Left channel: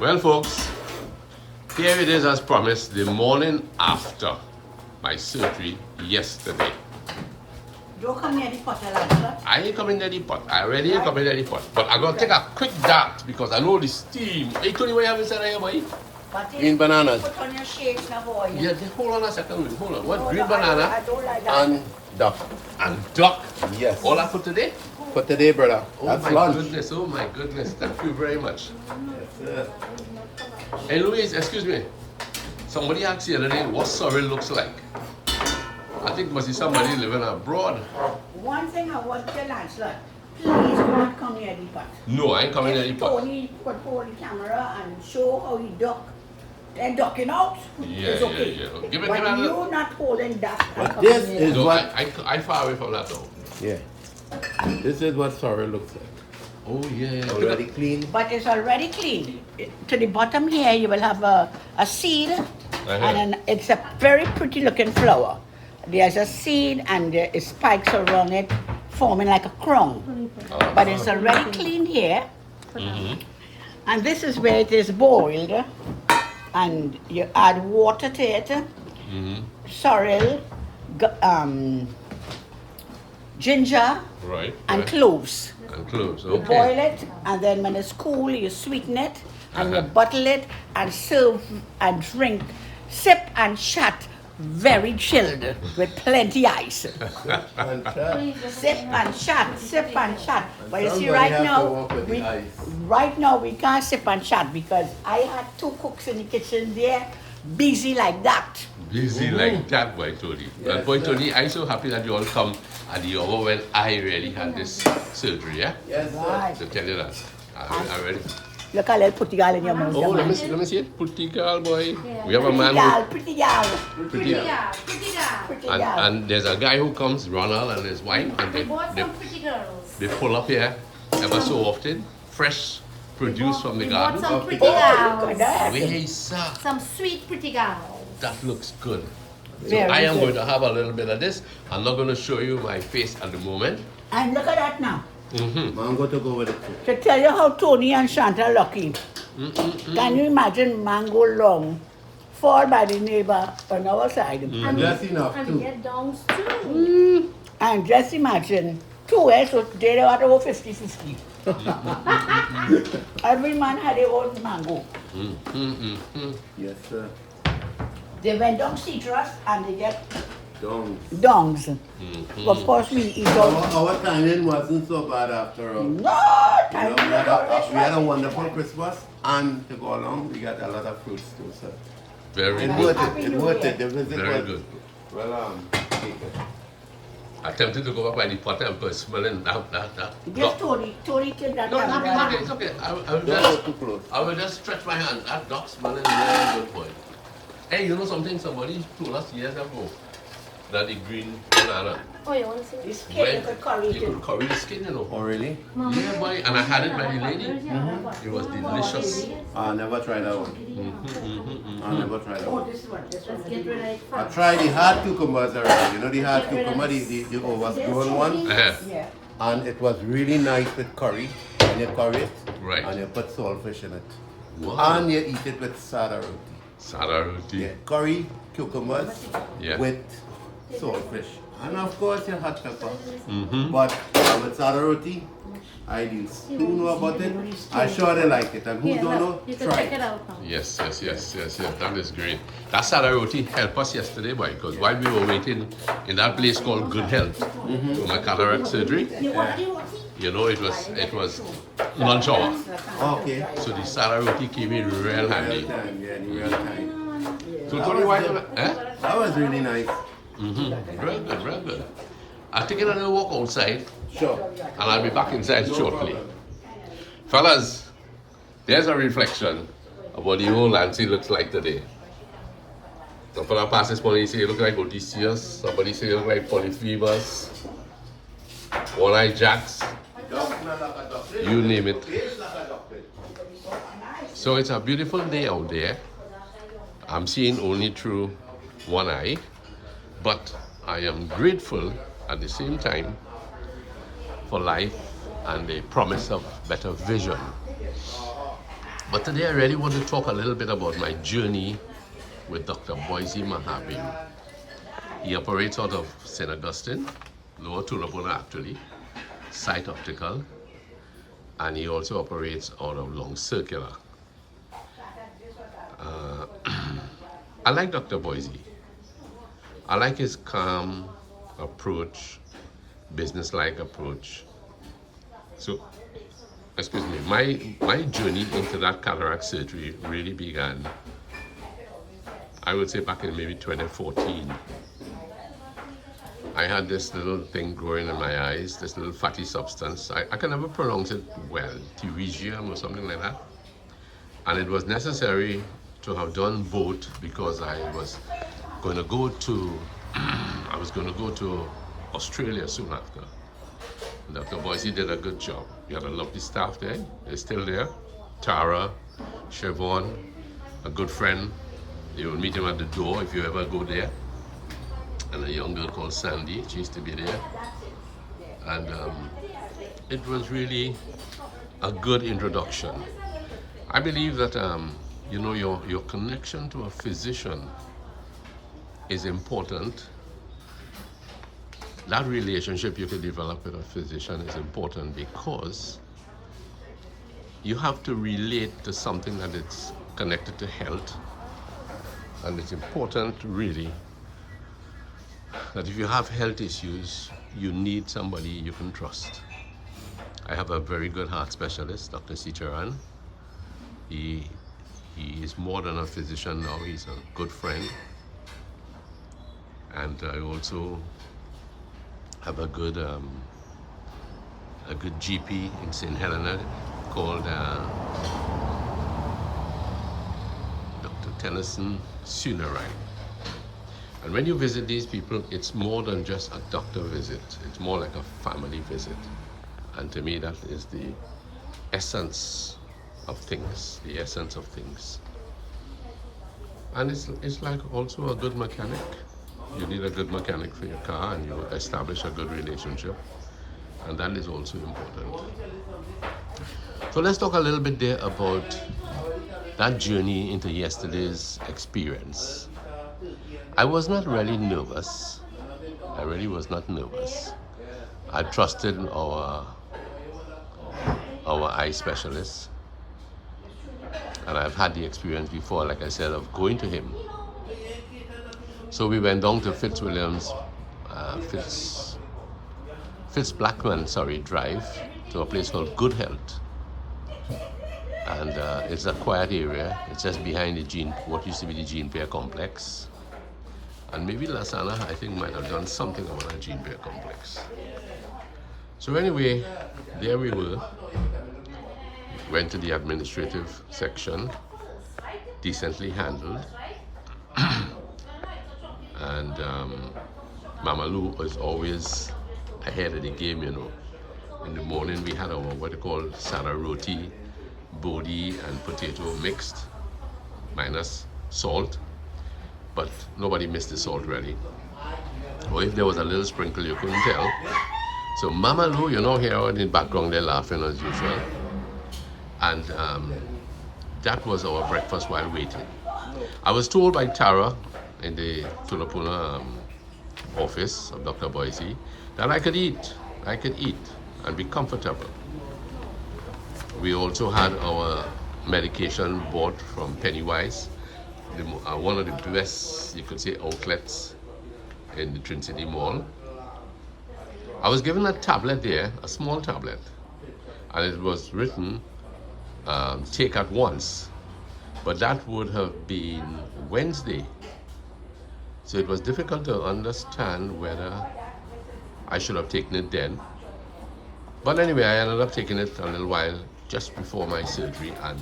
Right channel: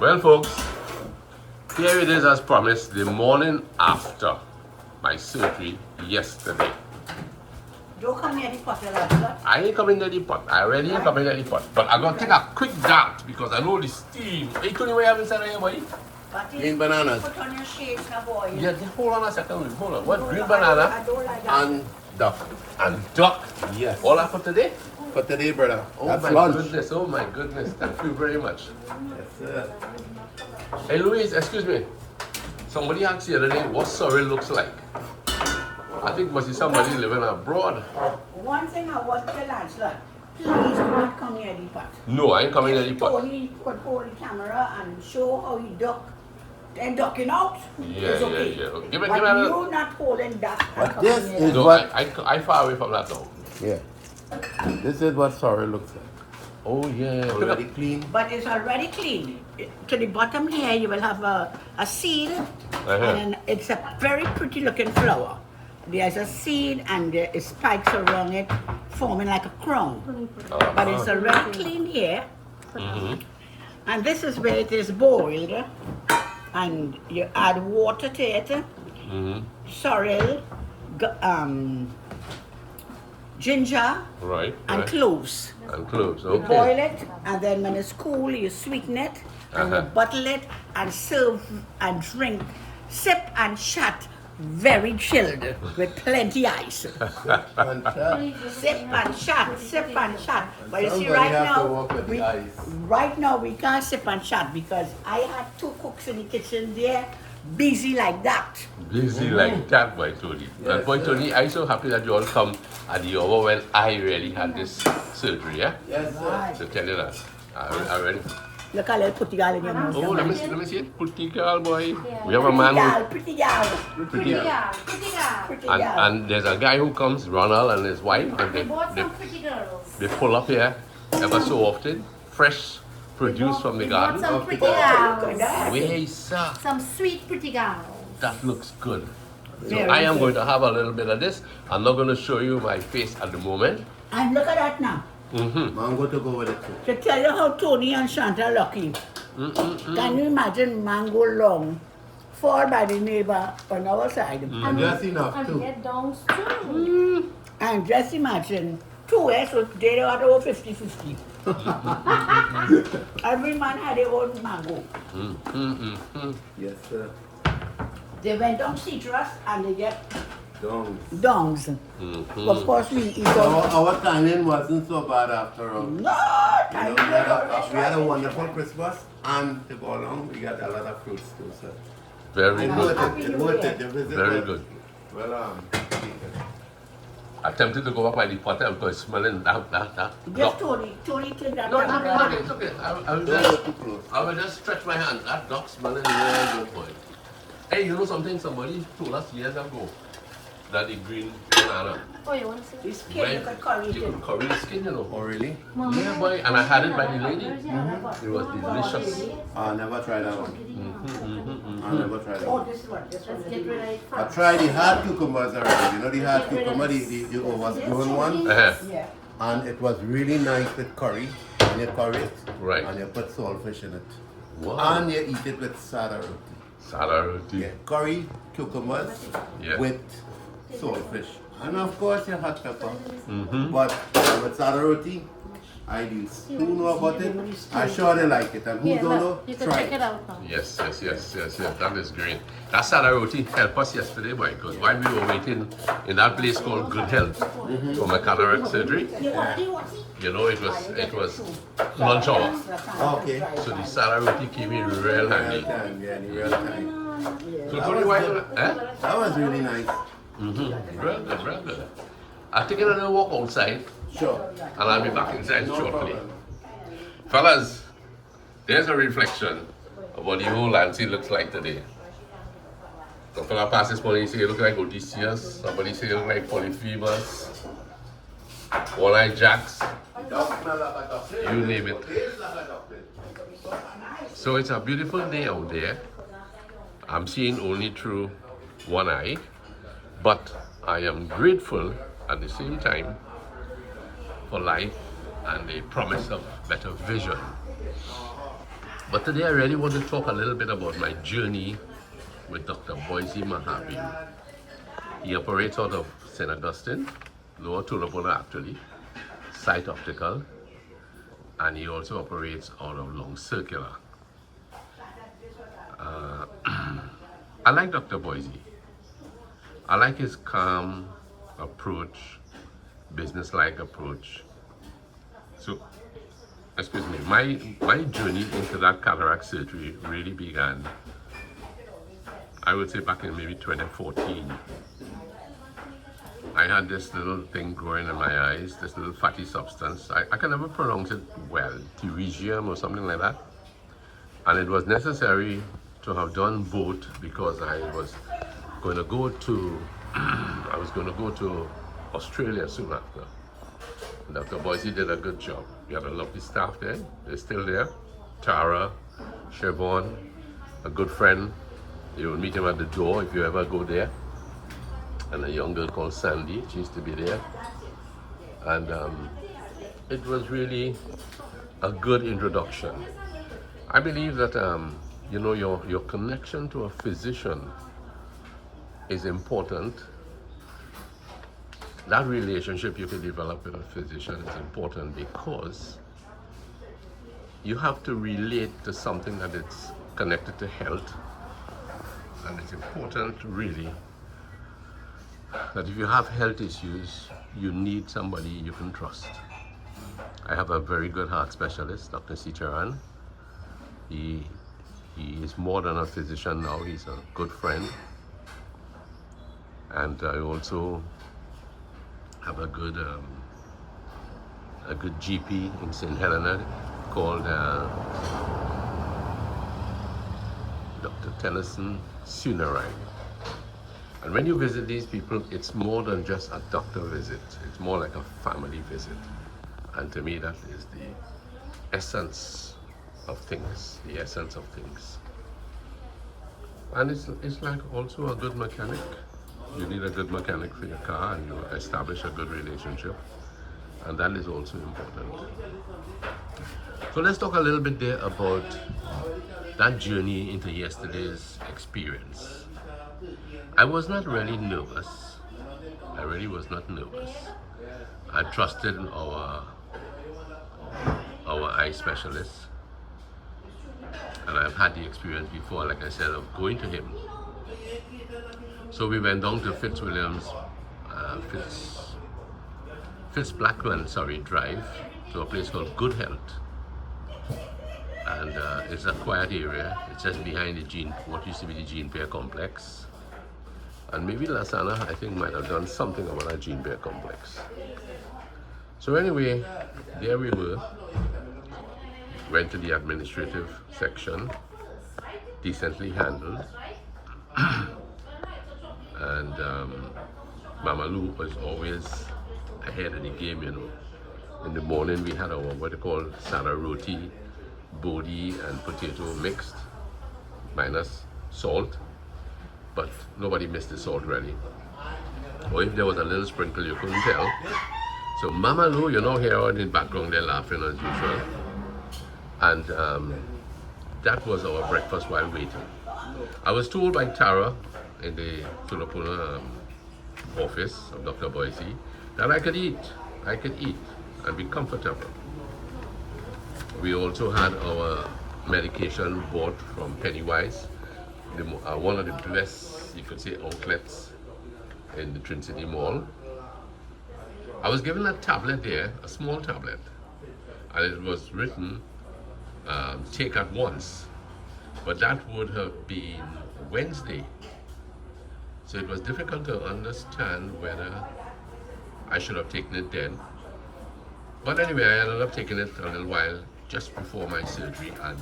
Well, folks, here it is as promised, the morning after my surgery yesterday. Don't come near the pot, Elijah. I ain't coming near the pot. I already ain't coming near the pot. But I'm going to take a quick dart because I know the steam. Hey, Tony, what you have inside here, boy? Green bananas. Put on your shades now, boy. Yeah, hold on a second. Hold on. What? Green banana I don't like that. And duck. and duck. Yes. All that for today? For today, brother. Oh That's my lunch. goodness. Oh my goodness. Thank you very much. Yes, sir. Hey, Louise, excuse me. Somebody asked the other day what sorrel looks like. I think must be somebody living abroad. One thing I want to tell Lancelot, please do not come near the pot. No, I ain't coming near the pot. Tony could hold the camera and show how he duck. Then ducking out. Yeah, It's okay. yeah. Give me But a little. you not holding that. and But coming this near is that. No, what- I far away from that now. Yeah. This is what sorrel looks like. Oh yeah. Already clean. But it's already clean. To the bottom here, you will have a seed, and then it's a very pretty looking flower. There's a seed and there is spikes around it, forming like a crown. But it's already clean here, Mm-hmm. and this is where it is boiled, and you add water to it, Mm-hmm. sorrel, ginger, Right. and right. cloves. And cloves. You Okay. boil it, and then when it's cool, you sweeten it, and you bottle it, and serve and drink, sip and chat, very chilled, with plenty ice. Fantastic. Sip and chat, sip and chat. But you see, Somebody right have to now, work with the ice. right now we can't sip and chat because I had 2 cooks in the kitchen there, busy like that. Busy like that, boy Tony. And boy Tony, I'm so happy that you all come at the hour when I really had this surgery, yeah? Yes, sir. Right. So tell you that. I really. Look at little putty girl in your mouth. Oh, let me see it. Pretty girl, boy. We have a man Pretty girl, who pretty girl. pretty And, girl. and there's a guy who comes, Ronald and his wife, and We bought some pretty girls. they pull up here ever so often, fresh produce from the We bought garden. some pretty girls. Where, sir? Some sweet pretty girls. That looks good. So Very I am good. going to have a little bit of this. I'm not going to show you my face at the moment. And look at that now. Mm-hmm. Mango to go with it too. To tell you how Tony and Shanta are lucky. Can you imagine mango long fall by the neighbor on our side? And that's enough And we too. get downs too. And just imagine, 2 years, so they are over 50-50. Every man had their own mango. Yes, sir. They went on citrus and they get Don't. dongs. Of course, we eat all. Our timing wasn't so bad after all. No, You know, we had a wonderful Christmas, and to go along, we got a lot of fruits too, sir. Very It good. worth it. It worth it. The visit Very was- good. Well, take it. I tempted to go back by the potter because it's smelling that. just Tony take that. No, down. it's okay. I will Don't go just, too close. I will just stretch my hand. That dog smelling really good, boy. Hey, you know something? Somebody told us years ago that the green banana, Oh, you want to see? The this? skin of the curry. you could curry the skin, you know. Oh, really? Yeah, boy. And I had it by the lady. It was delicious. I never tried that one. I never tried that Oh, one. this one. Let's get rid of it I first. tried the hard cucumbers already. You know the hard cucumber, the overgrown one? Uh-huh. Yeah. And it was really nice with curry. And you curry it. Right. And you put saltfish in it. Wow. And you eat it with sada roti. Sada roti. Yeah. Curry, cucumbers Yeah. with saltfish. And of course your hot pepper. Mm-hmm. But with sada roti, I use. Who know about it? I'm sure they like it. And who Here, don't look, know, you can try check it it. out now. Yes. That is great. That sada roti helped us yesterday, boy, because while we were waiting in that place called Good Health for my cataract surgery, you know, it was lunch hour. Okay. So the sada roti came in real Real handy. time, yeah, in real time. So That Tony, was why? good. That was really nice. Real good. I'll take a little walk outside Sure. and I'll be back inside shortly. Fellas, there's a reflection of what the whole Nancy looks like today. The fella passes morning, he say you look like Odysseus. Somebody say you look like Polyphemus. One-eyed Jacks. You name it. So it's a beautiful day out there. I'm seeing only through one eye, but I am grateful at the same time for life and the promise of better vision. But today I really want to talk a little bit about my journey with Dr. Boise Mahabim. He operates out of St. Augustine, Lower Tulapuna actually, Sight Optical, and he also operates out of Long Circular. I like Dr. Boise. I like his calm approach, business-like approach. So, excuse me, my journey into that cataract surgery really began, I would say, back in maybe 2014. I had this little thing growing in my eyes, this little fatty substance. I can never pronounce it well, pterygium or something like that. And it was necessary to have done both because I was going to go to Australia soon after. Dr. Boise did a good job. He had a lovely staff there. They're still there. Tara, Siobhan, a good friend. You will meet him at the door if you ever go there. And a young girl called Sandy, she used to be there. And it was really a good introduction. I believe that you know, your connection to a physician is important. That relationship you can develop with a physician is important because you have to relate to something that is connected to health. And it's important really that if you have health issues, you need somebody you can trust. I have a very good heart specialist, Dr. Sicharan. He is more than a physician now, he's a good friend. And I also have a good GP in St. Helena called Dr. Tennyson Sunarine. And when you visit these people, it's more than just a doctor visit. It's more like a family visit. And to me, that is the essence of things, the essence of things. And it's like also a good mechanic. You need a good mechanic for your car and you establish a good relationship. And that is also important. So let's talk a little bit there about that journey into yesterday's experience. I was not really nervous. I really was not nervous. I trusted our eye specialist. And I've had the experience before, like I said, of going to him. So we went down to Fitz Blackman, Drive, to a place called Good Health. And it's a quiet area. It's just behind what used to be the Gene Pear Complex. And maybe Lasana, I think, might have done something about a Gene Pear Complex. So anyway, there we were. Went to the administrative section, decently handled. And Mama Lou was always ahead of the game, you know. In the morning we had our what they call sada roti, bodi and potato mixed, minus salt. But nobody missed the salt really. Or if there was a little sprinkle, you couldn't tell. So Mama Lou, you know, here in the background they're laughing as usual. And that was our breakfast while waiting. I was told by Tara in the Tulapuna office of Dr. Boise that I could eat and be comfortable. We also had our medication bought from Pennywise, one of the best, you could say, outlets in the Twin City Mall. I was given a tablet there, a small tablet, and it was written, take at once, but that would have been Wednesday. So it was difficult to understand whether I should have taken it then. But anyway, I ended up taking it a little while just before my surgery, and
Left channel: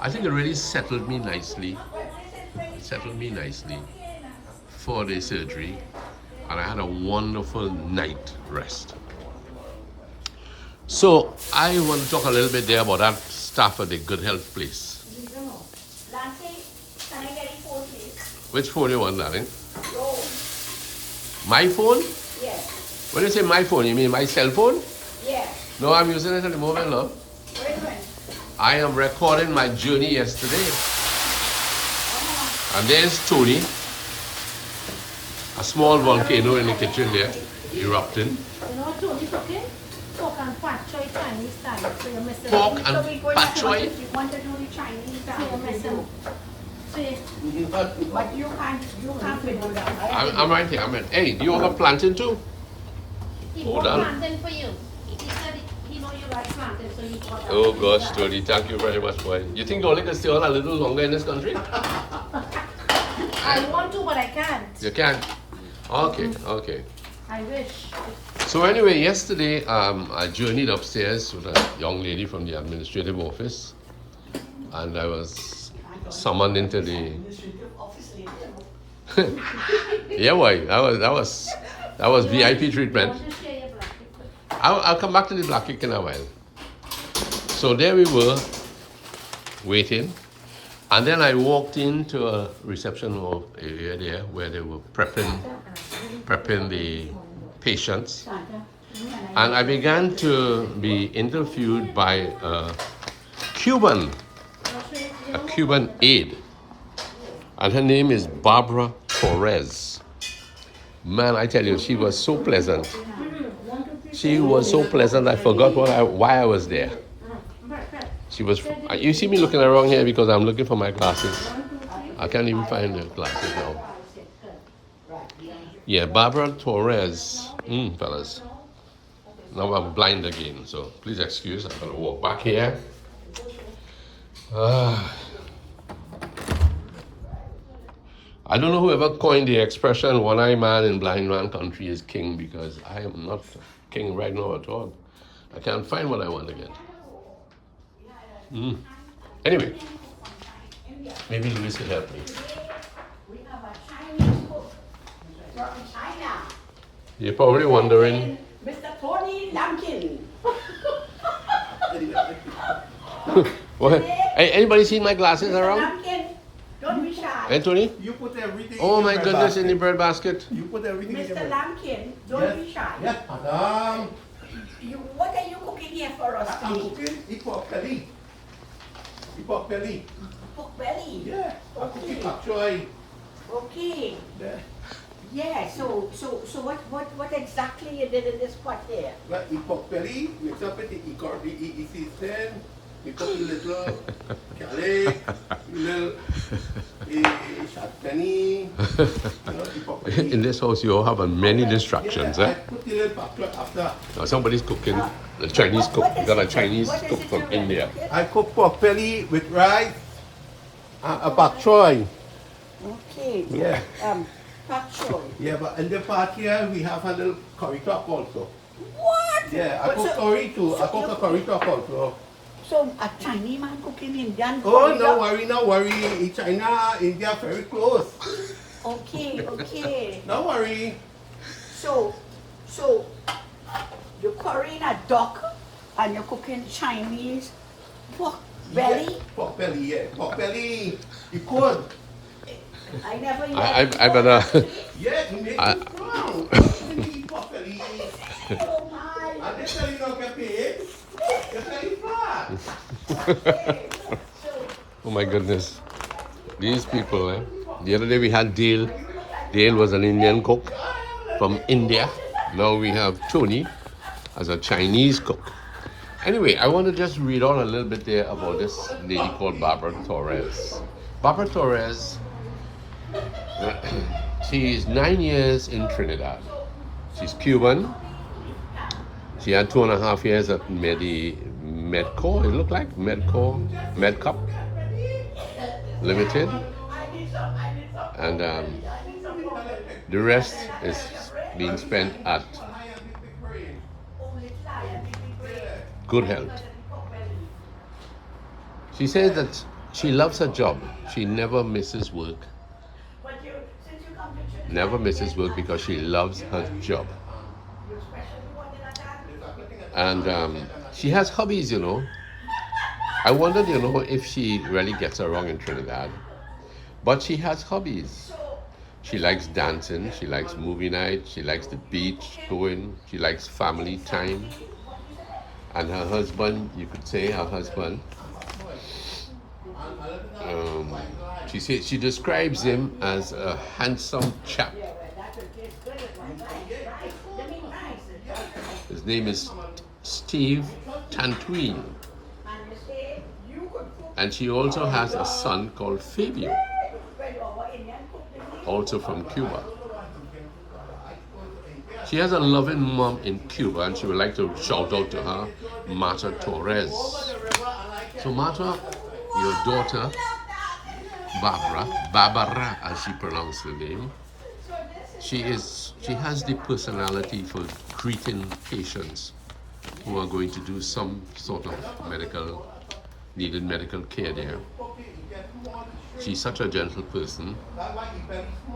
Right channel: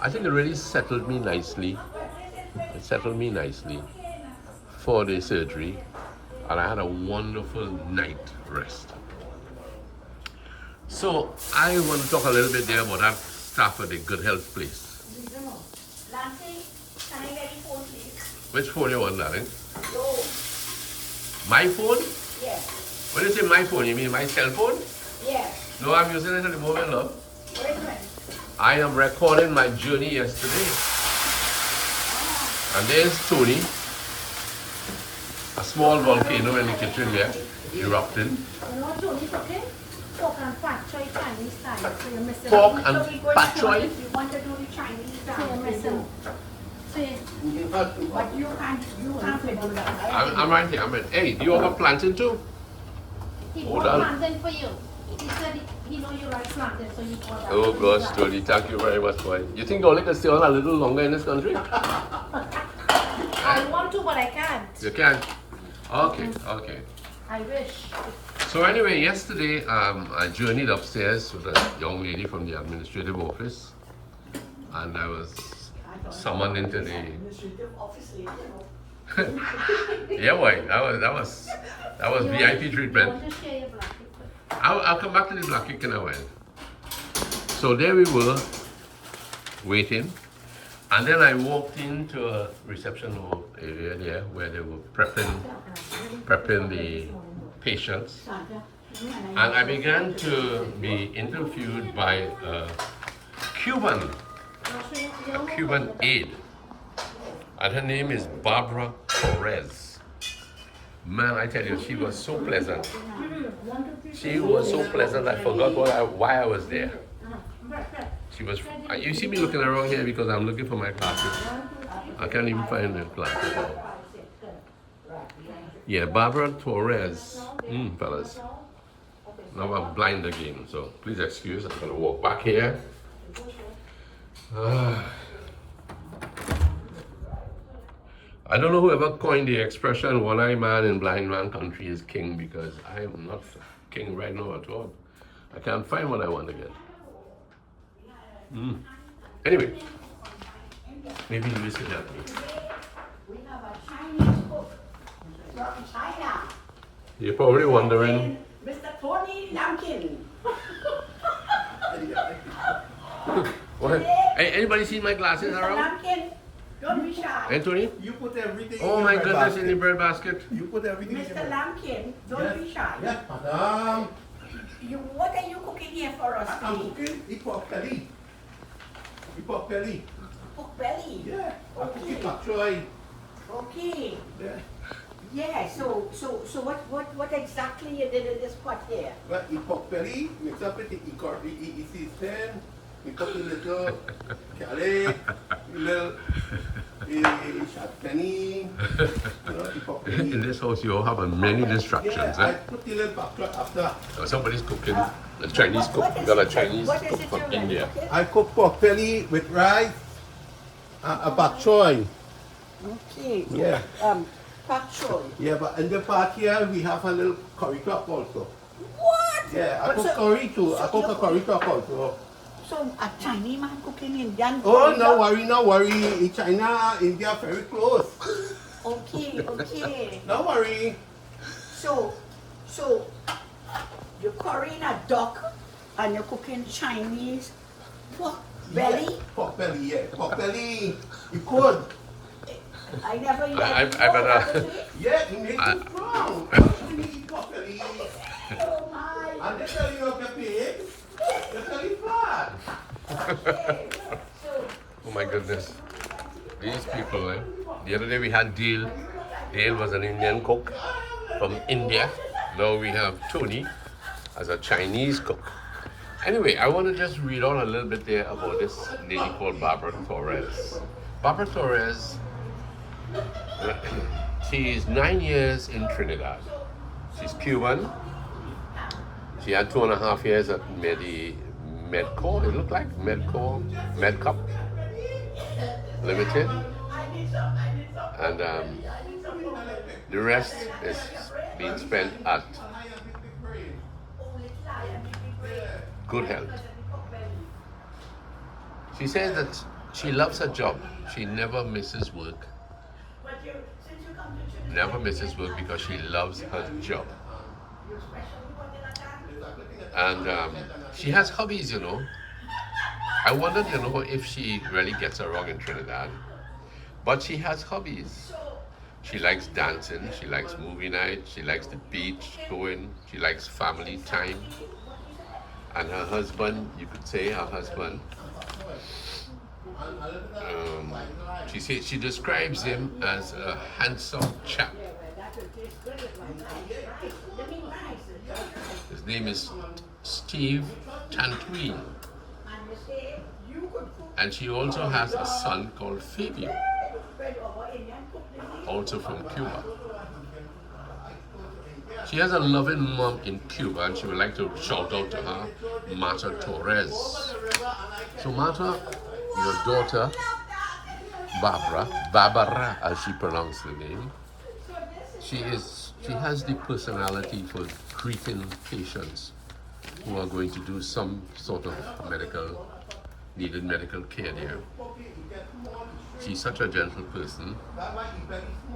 I think it really settled me nicely. It settled me nicely for the surgery, and I had a wonderful night rest. So I want to talk a little bit there about that staff at the Good Health place. Can I get your phone, please? Which phone you want, darling? No. My phone? Yes. When you say my phone, you mean my cell phone? Yes. No, I'm using it at the moment, love. Wait a minute. I am recording my journey yesterday. And there's Tony. A small volcano in the kitchen there, erupting. You know what Tony's cooking? Pork and pak choy Chinese style. So you miss it. Pork So and we go pak to- choy? You want to do the Chinese style. So you miss it. So you- But you can't do that. I'm right here. Hey, do you want a plantain too? he Hold bought on. plantain for you. He said he know you like plantain, so he bought that. Oh gosh, Tony, thank you very much, boy. You think Oli can stay on a little longer in this country? I want to, but I can't. You can. Okay, okay. I wish. So anyway, yesterday I journeyed upstairs with a young lady from the administrative office, and I was summoned into the. Yeah, boy, that was VIP You treatment. want to share your black liquid? I'll come back to the black cake in a while. So there we were, waiting, and then I walked into a reception area there where they were prepping the patients, and I began to be interviewed by a Cuban aide, and her name is Barbara Torres. Man, I tell you, she was so pleasant. She was so pleasant, I forgot why I was there. She was. You see me looking around here because I'm looking for my glasses. I can't even find the glasses now. Yeah, Barbara Torres. Fellas. Now I'm blind again, so please excuse. I'm gonna walk back here. I don't know whoever coined the expression "one-eyed man in blind man country is king," because I am not king right now at all. I can't find what I want again. Anyway, maybe Luis can help me. We have a Chinese cook from China. You're probably wondering, Mr. Tony Lampkin. what? Hey, anybody see my glasses Mr. around? Lampkin, don't be shy. Anthony? You put everything Oh in my your goodness, basket. in the bread basket. You put everything in Mr. your Lampkin, don't be shy. Yes, madam. What are you cooking here for us I'm today? cooking pork belly. Pork belly. Pork belly. Yeah. I'm cooking Okay. pak choy. Okay. Yeah. Yeah. So what exactly you did in this pot here? Well, pork belly, mix up with the season. We put a little garlic, little shot penny, the pork belly. In this house, you all have many distractions, Yeah, I eh? put the little pak choy after. Now somebody's cooking. The Chinese cook. What is Got a it? Chinese What is cook it from you're ready India. cooking? I cook pork belly with rice, a pak choy. Okay. Yeah. Pak choy. Yeah, but in the part here, we have a little curry top also. What? Yeah, I But cook so- curry too. I so cook a you- curry top also. So a Chinese man cooking Indian. Oh, curry no up? worry, no worry. In China, India, very close. Okay, okay. No worry. So you're currying a duck and you're cooking Chinese pork belly. Yeah, pork belly, yeah. Pork belly. You could. I never yet. I better. Yeah, you make I- it strong. Pork belly. And this telling you not get paid. You're telling flat. Oh my goodness. These people, eh? The other day we had Dale. Dale was an Indian cook from India. Now we have Tony as a Chinese cook. Anyway, I want to just read on a little bit there about this lady called Barbara Torres. Barbara Torres, she is 9 years in Trinidad. She's Cuban. She had 2.5 years at Medco, it looked like Medco Limited, and the rest is being spent at Good Health. She says that she loves her job. She never misses work. Never misses work because she loves her job. And she has hobbies, you know. I wondered, you know, if she really gets along in Trinidad. But she has hobbies. She likes dancing, she likes movie night, she likes the beach going, she likes family time. And her husband, you could say her husband, She describes him as a handsome chap. His name is Steve Tantween. And she also has a son called Fabio, also from Cuba. She has a loving mom in Cuba, and she would like to shout out to her, Marta Torres. So Marta, your daughter, Barbara, as she pronounced the name, she has the personality for greeting patients who are going to do some sort of needed medical care there. She's such a gentle person.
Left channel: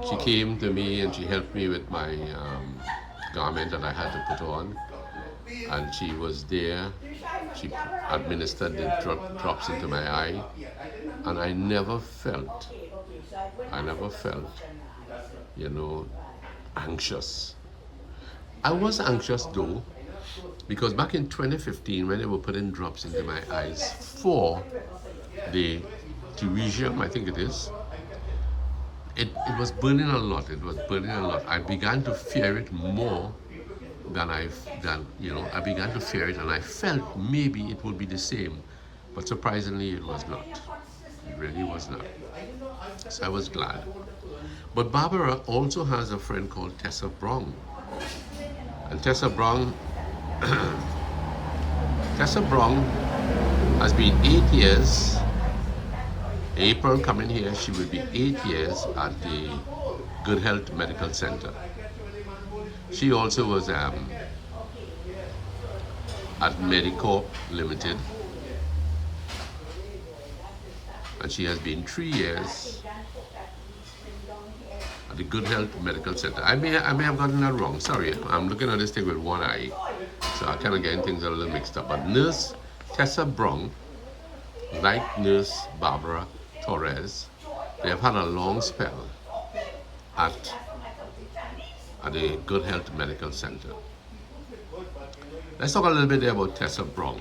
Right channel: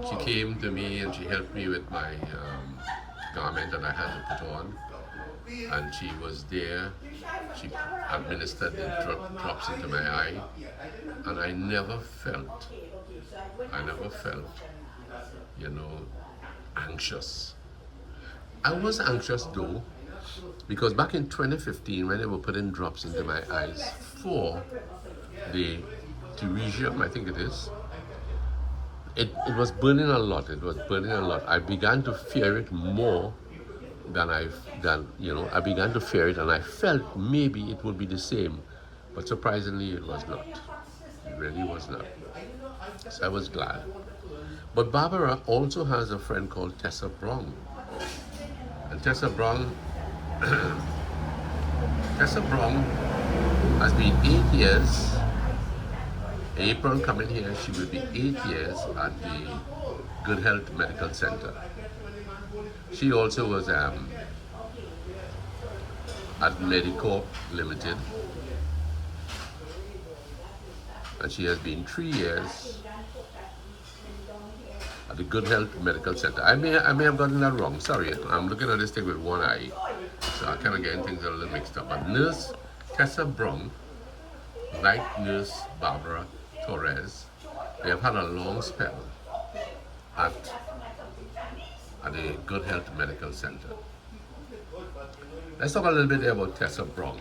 She came to me and she helped me with my garment that I had to put on, and she was there. She administered the drops into my eye, and I never felt, you know, anxious. I was anxious though, because back in 2015, when they were putting drops into my eyes for the teresium, I think it is, it was burning a lot. I began to fear it more than I began to fear it, and I felt maybe it would be the same, but surprisingly it was not. It really was not. So I was glad. But Barbara also has a friend called Tessa Brown. And Tessa Brown has been 8 years. April coming here, she will be 8 years at the Good Health Medical Center. She also was at Medicorp Limited, and she has been 3 years at the Good Health Medical Center. I may have gotten that wrong. Sorry, I'm looking at this thing with one eye, so I kind of getting things a little mixed up. But Nurse Tessa Brown, like Nurse Barbara Torres, they have had a long spell at the Good Health Medical Center. Let's talk a little bit about Tessa Brown.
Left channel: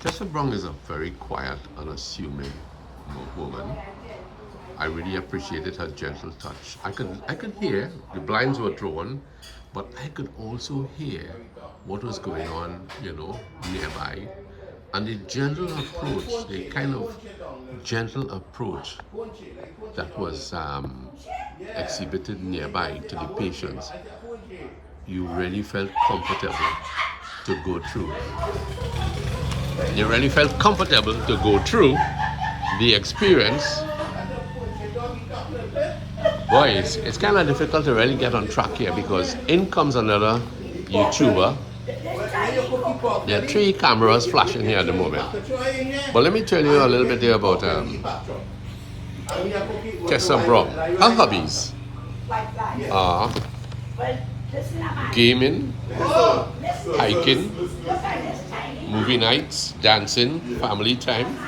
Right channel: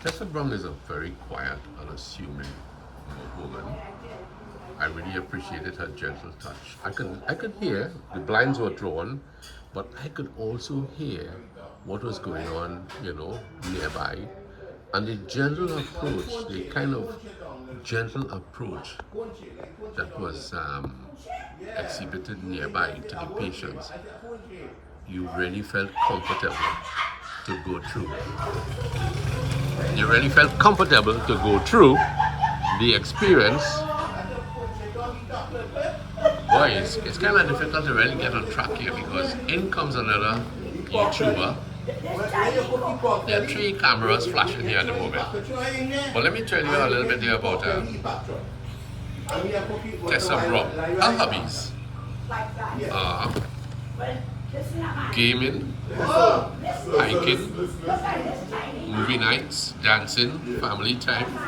Tessa Brown is a very quiet, unassuming woman. I really appreciated her gentle touch. I could hear, the blinds were drawn, but I could also hear what was going on, you know, nearby. And the gentle approach, the kind of gentle approach that was exhibited nearby to the patients, you really felt comfortable to go through. You really felt comfortable to go through the experience. Boy, it's kind of difficult to really get on track here, because in comes another YouTuber. There are 3 cameras flashing here at the moment. But let me tell you a little bit there about Tessa Brown. Her hobbies are gaming, hiking, movie nights, dancing, family time,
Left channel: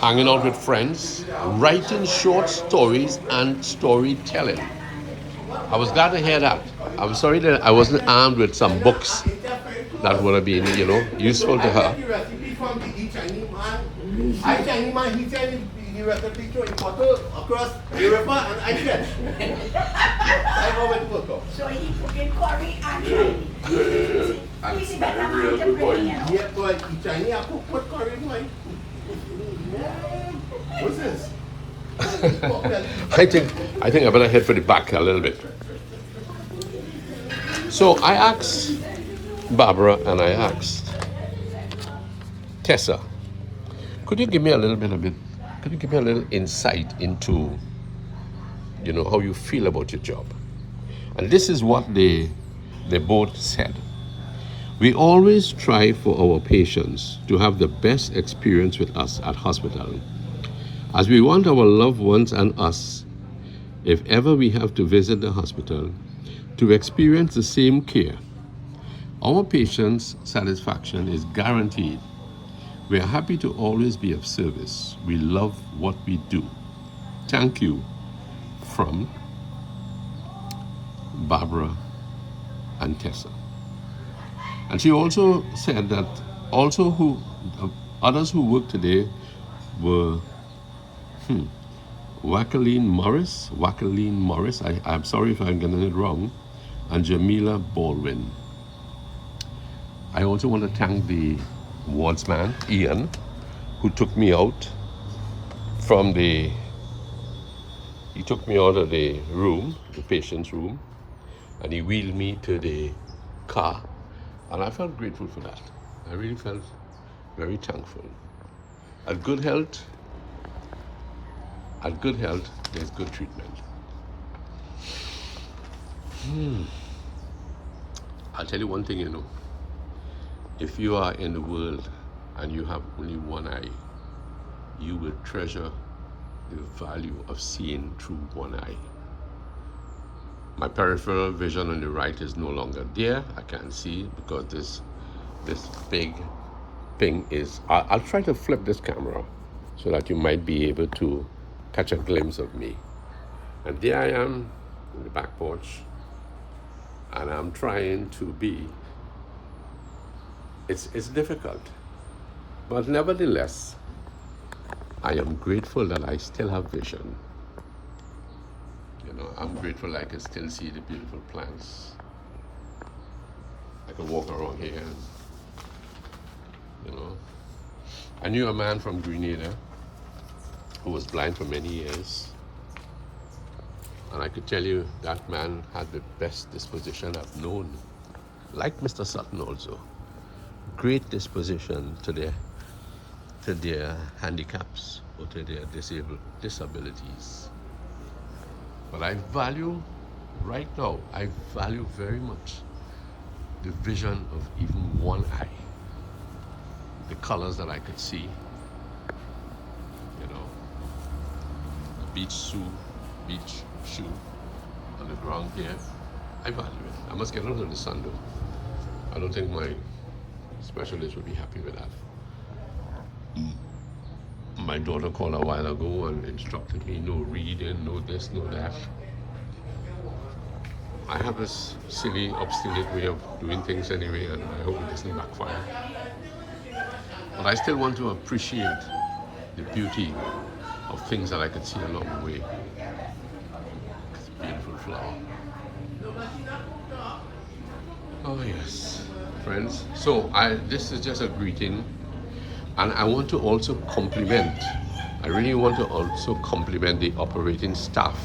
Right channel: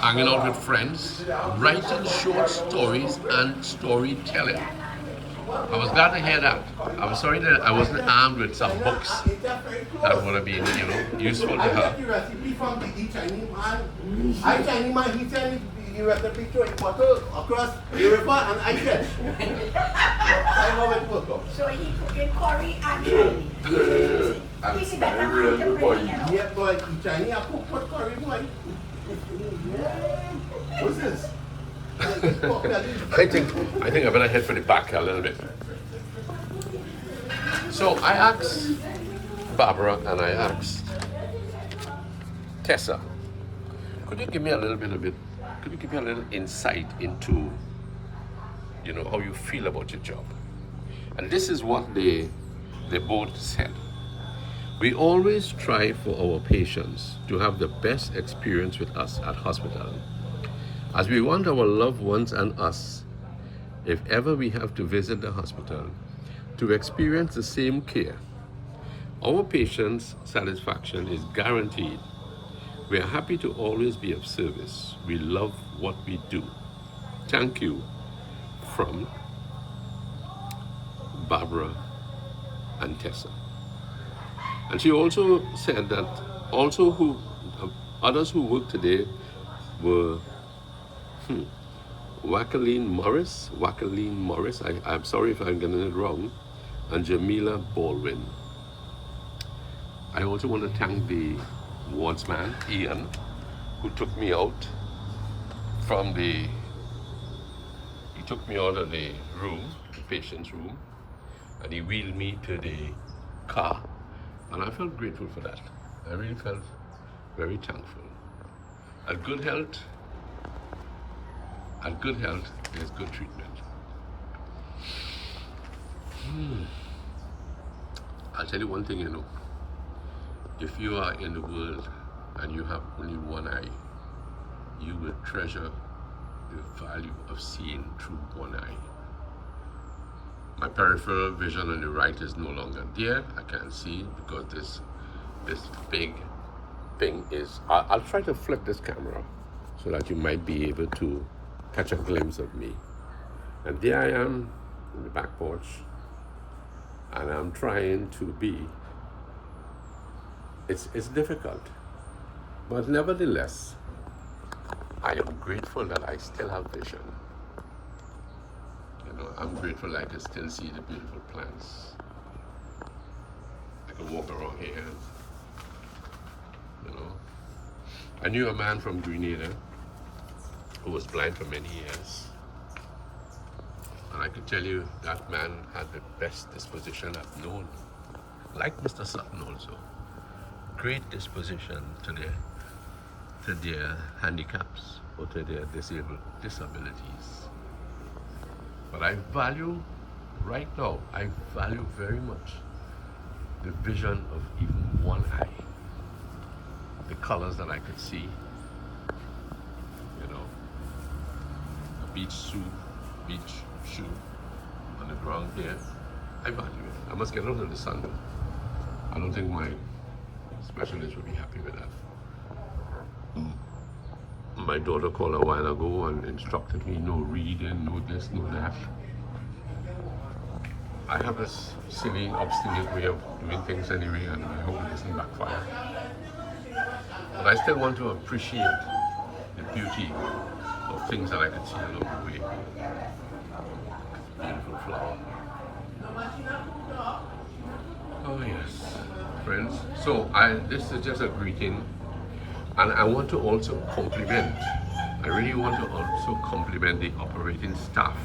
hanging out with friends, writing short stories, and storytelling. I was glad to hear that. I'm sorry that I wasn't armed with some books that would have been, you know, useful to her. Across Europe and I get. I know it work out. So he took in curry and Chinese. He's better man to bring, you know. Yeah, boy, Chinese I cook what curry boy. What's this? I think I better head for the back a little bit. So I asked Barbara and I asked Tessa, could you give me a little insight into, you know, how you feel about your job? And this is what they both said. We always try for our patients to have the best experience with us at hospital, as we want our loved ones and us, if ever we have to visit the hospital, to experience the same care. Our patients' satisfaction is guaranteed. We are happy to always be of service. We love what we do. Thank you. From Barbara and Tessa. And she also said that Others who worked today were Wakaleen Morris, I'm sorry if I'm getting it wrong, and Jamila Baldwin. I also want to thank the wardsman, Ian, who took me out from he took me out of the room, the patient's room, and he wheeled me to the car, and I felt grateful for that. I really felt very thankful. At good health, there's good treatment. I'll tell you one thing, if you are in the world and you have only one eye, you will treasure the value of seeing through one eye. My peripheral vision on the right is no longer there. I can't see because this big thing is. I'll try to flip this camera so that you might be able to catch a glimpse of me. And there I am in the back porch, and I'm trying to be. It's difficult, but nevertheless, I am grateful that I still have vision. I'm grateful I can still see the beautiful plants. I can walk around here. I knew a man from Grenada who was blind for many years. And I could tell you that man had the best disposition I've known. Like Mr. Sutton also. Great disposition to their handicaps or to their disabilities. But I value very much the vision of even one eye. The colors that I could see, a beach shoe on the ground here. I value it. I must get out of the sun though. I don't think my specialist would be happy with that. My daughter called a while ago and instructed me, no reading, no this, no that. I have this silly, obstinate way of doing things anyway, and I hope it doesn't backfire. But I still want to appreciate the beauty of things that I could see along the way. It's a beautiful flower. Oh yes, friends. So this is just a greeting. And I want to also compliment, I really want to also compliment the operating staff.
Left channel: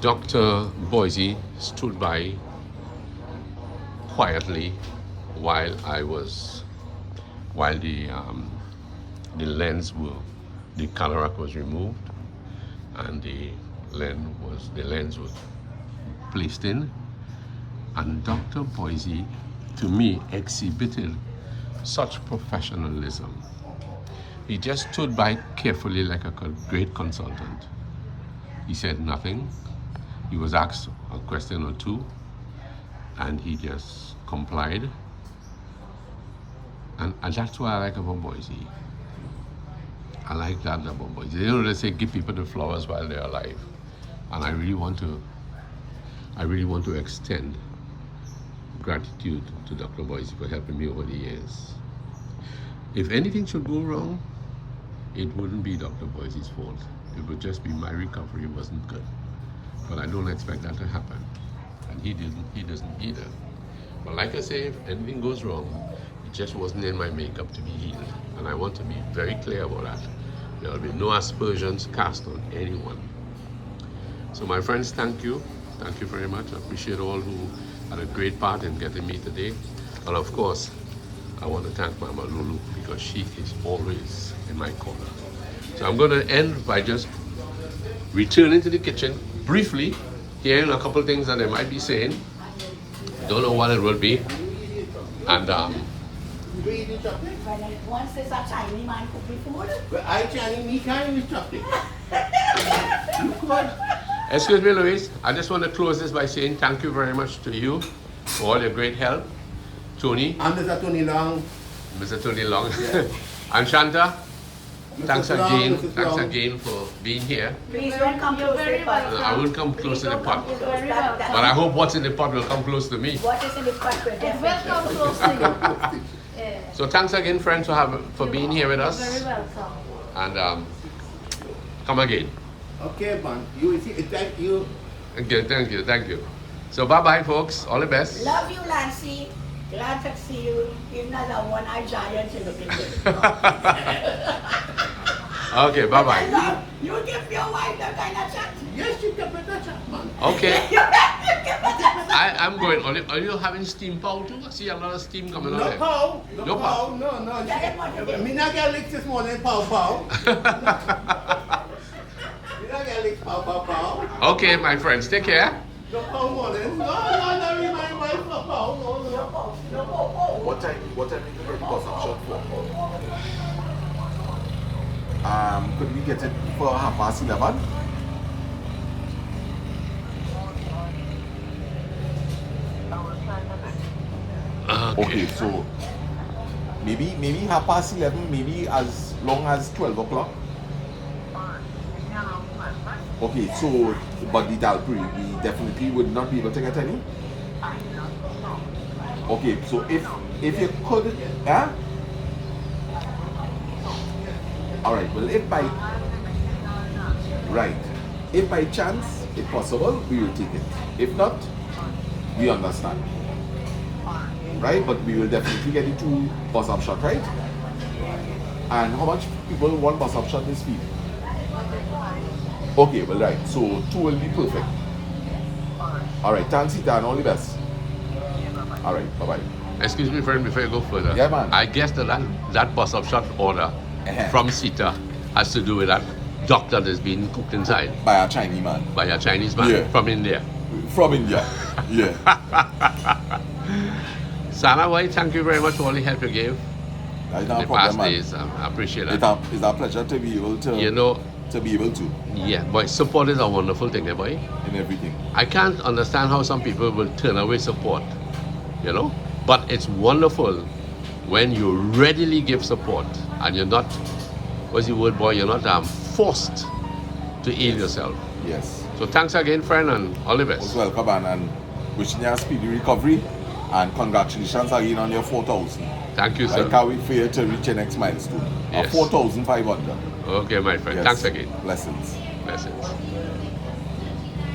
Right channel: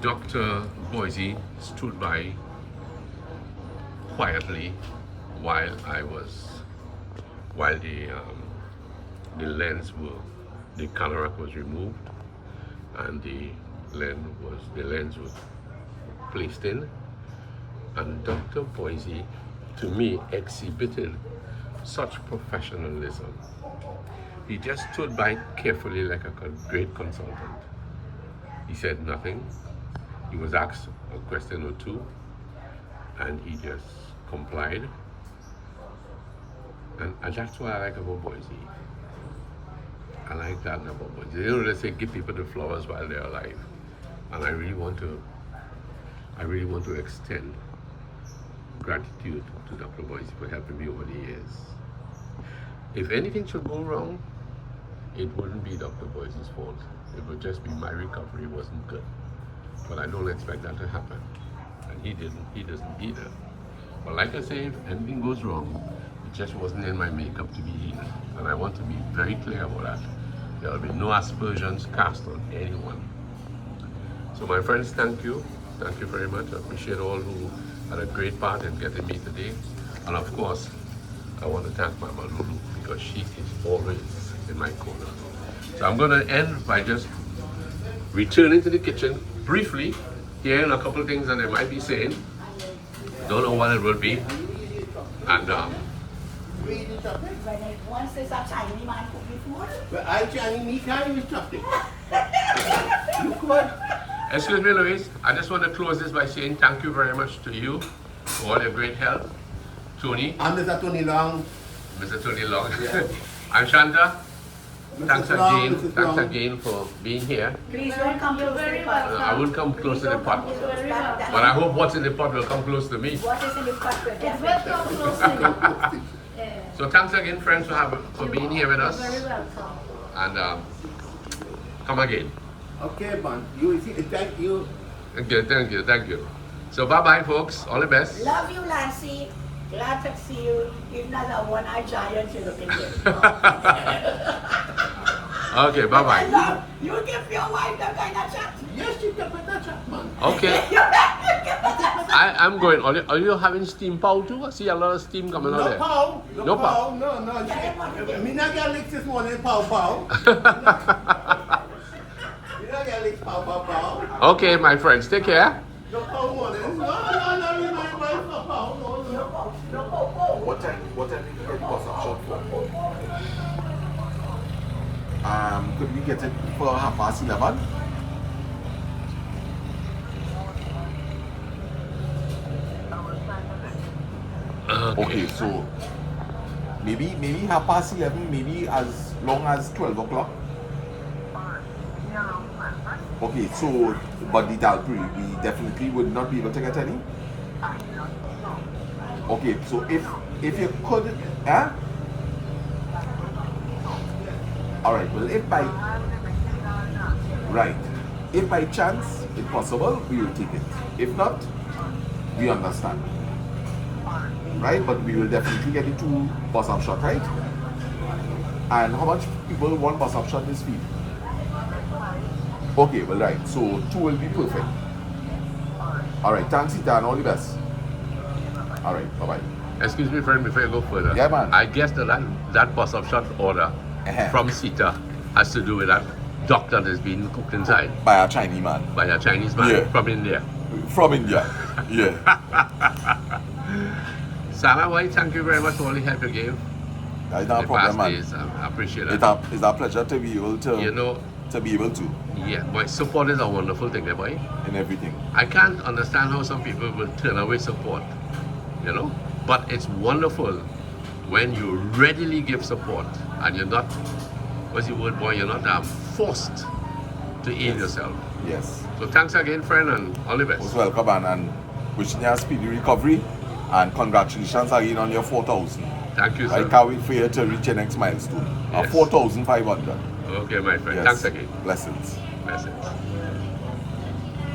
Dr. Boise stood by quietly while the cataract was removed and the lens was placed in. And Dr. Boise, to me, exhibited such professionalism. He just stood by carefully like a great consultant. He said nothing. He was asked a question or two, and he just complied. And that's what I like about Boise. I like that about Boise. They say give people the flowers while they're alive, and I really want to extend gratitude to Dr. Boise for helping me over the years. If anything should go wrong, it wouldn't be Dr. Boise's fault. It would just be my recovery wasn't good. But I don't expect that to happen. And he doesn't either. But like I say, if anything goes wrong, it just wasn't in my makeup to be healed. And I want to be very clear about that. There will be no aspersions cast on anyone. So my friends, thank you. Thank you very much. I appreciate all who had a great part in getting me today. And of course, I want to thank Mama Lulu because she is always in my corner. So I'm going to end by just returning to the kitchen briefly, hearing a couple of things that they might be saying. Don't know what it will be. And once there's a Chinese man cook me food. But I Chinese chocolate. You could. Excuse me, Louise. I just want to close this by saying thank you very much to you for all your great help. Tony. I'm Mr. Tony Long. Mr. Tony Long. I'm Shanta. Thanks again for being here. Please don't come close to the pot. I won't come close to the pot. But But I hope what's in the pot will come close to me. what is in the pot will It will come close to you. Yeah. So thanks again, friends, for being here with us. You're very welcome. And come again. Okay, man. You see, thank you. Thank you. So bye-bye, folks. All the best. Love you, Lancy. Glad to see you. Even as a one-eyed giant, you're looking good. Okay, bye-bye. You give your wife that kind of chat. Yes, you can put that chat, man. Okay. I'm going. Are you having steam pow too? I see a lot of steam coming out No there. pow. No No pow. pow. No. Me not get licked this morning, pow pow. Me not get licked, pow pow pow. Okay, my friends, take care. No pow morning. No, remind wife no pow. No. What time did you get the bus up shot for? Could we get it for 11:30? Okay, so maybe 11:30, maybe as long as 12 o'clock. Okay, so but the Dalbury, we definitely would not be able to get any. Okay, so if you could, huh? All right. Well, if by chance it's possible, we will take it. If not, we understand. Right? But we will definitely get it 2 bus up shot, right? And how much people want bus up shot this week? Okay, well, right. So 2 will be perfect. All right. Thanks, Ita, and all the best. All right. Bye-bye. Excuse me, friend, before you go further. Yeah, man. I guess that bus up shot order from Sita has to do with that doctor that's been cooked inside By a Chinese man. by a Chinese man Yeah. from India. From India. Yeah. Sana White, thank you very much for all the help you gave That's in not a the problem, past man. days. I appreciate that. It's a pleasure to be able to, You know, to be able to yeah, boy, support is a wonderful thing, eh, boy. in everything. I can't understand how some people will turn away support, you know? But it's wonderful when you readily give support and you're not, what's the word, boy, you're not forced to aid yourself. Yes. So thanks again, friend, and all the Most best. welcome, and wishing you a speedy recovery, and congratulations again on your 4,000. Thank you, I sir. can't wait for you to reach your next milestone. Yes. 4,500. Okay, my friend. Yes. Thanks again. Blessings. Blessings.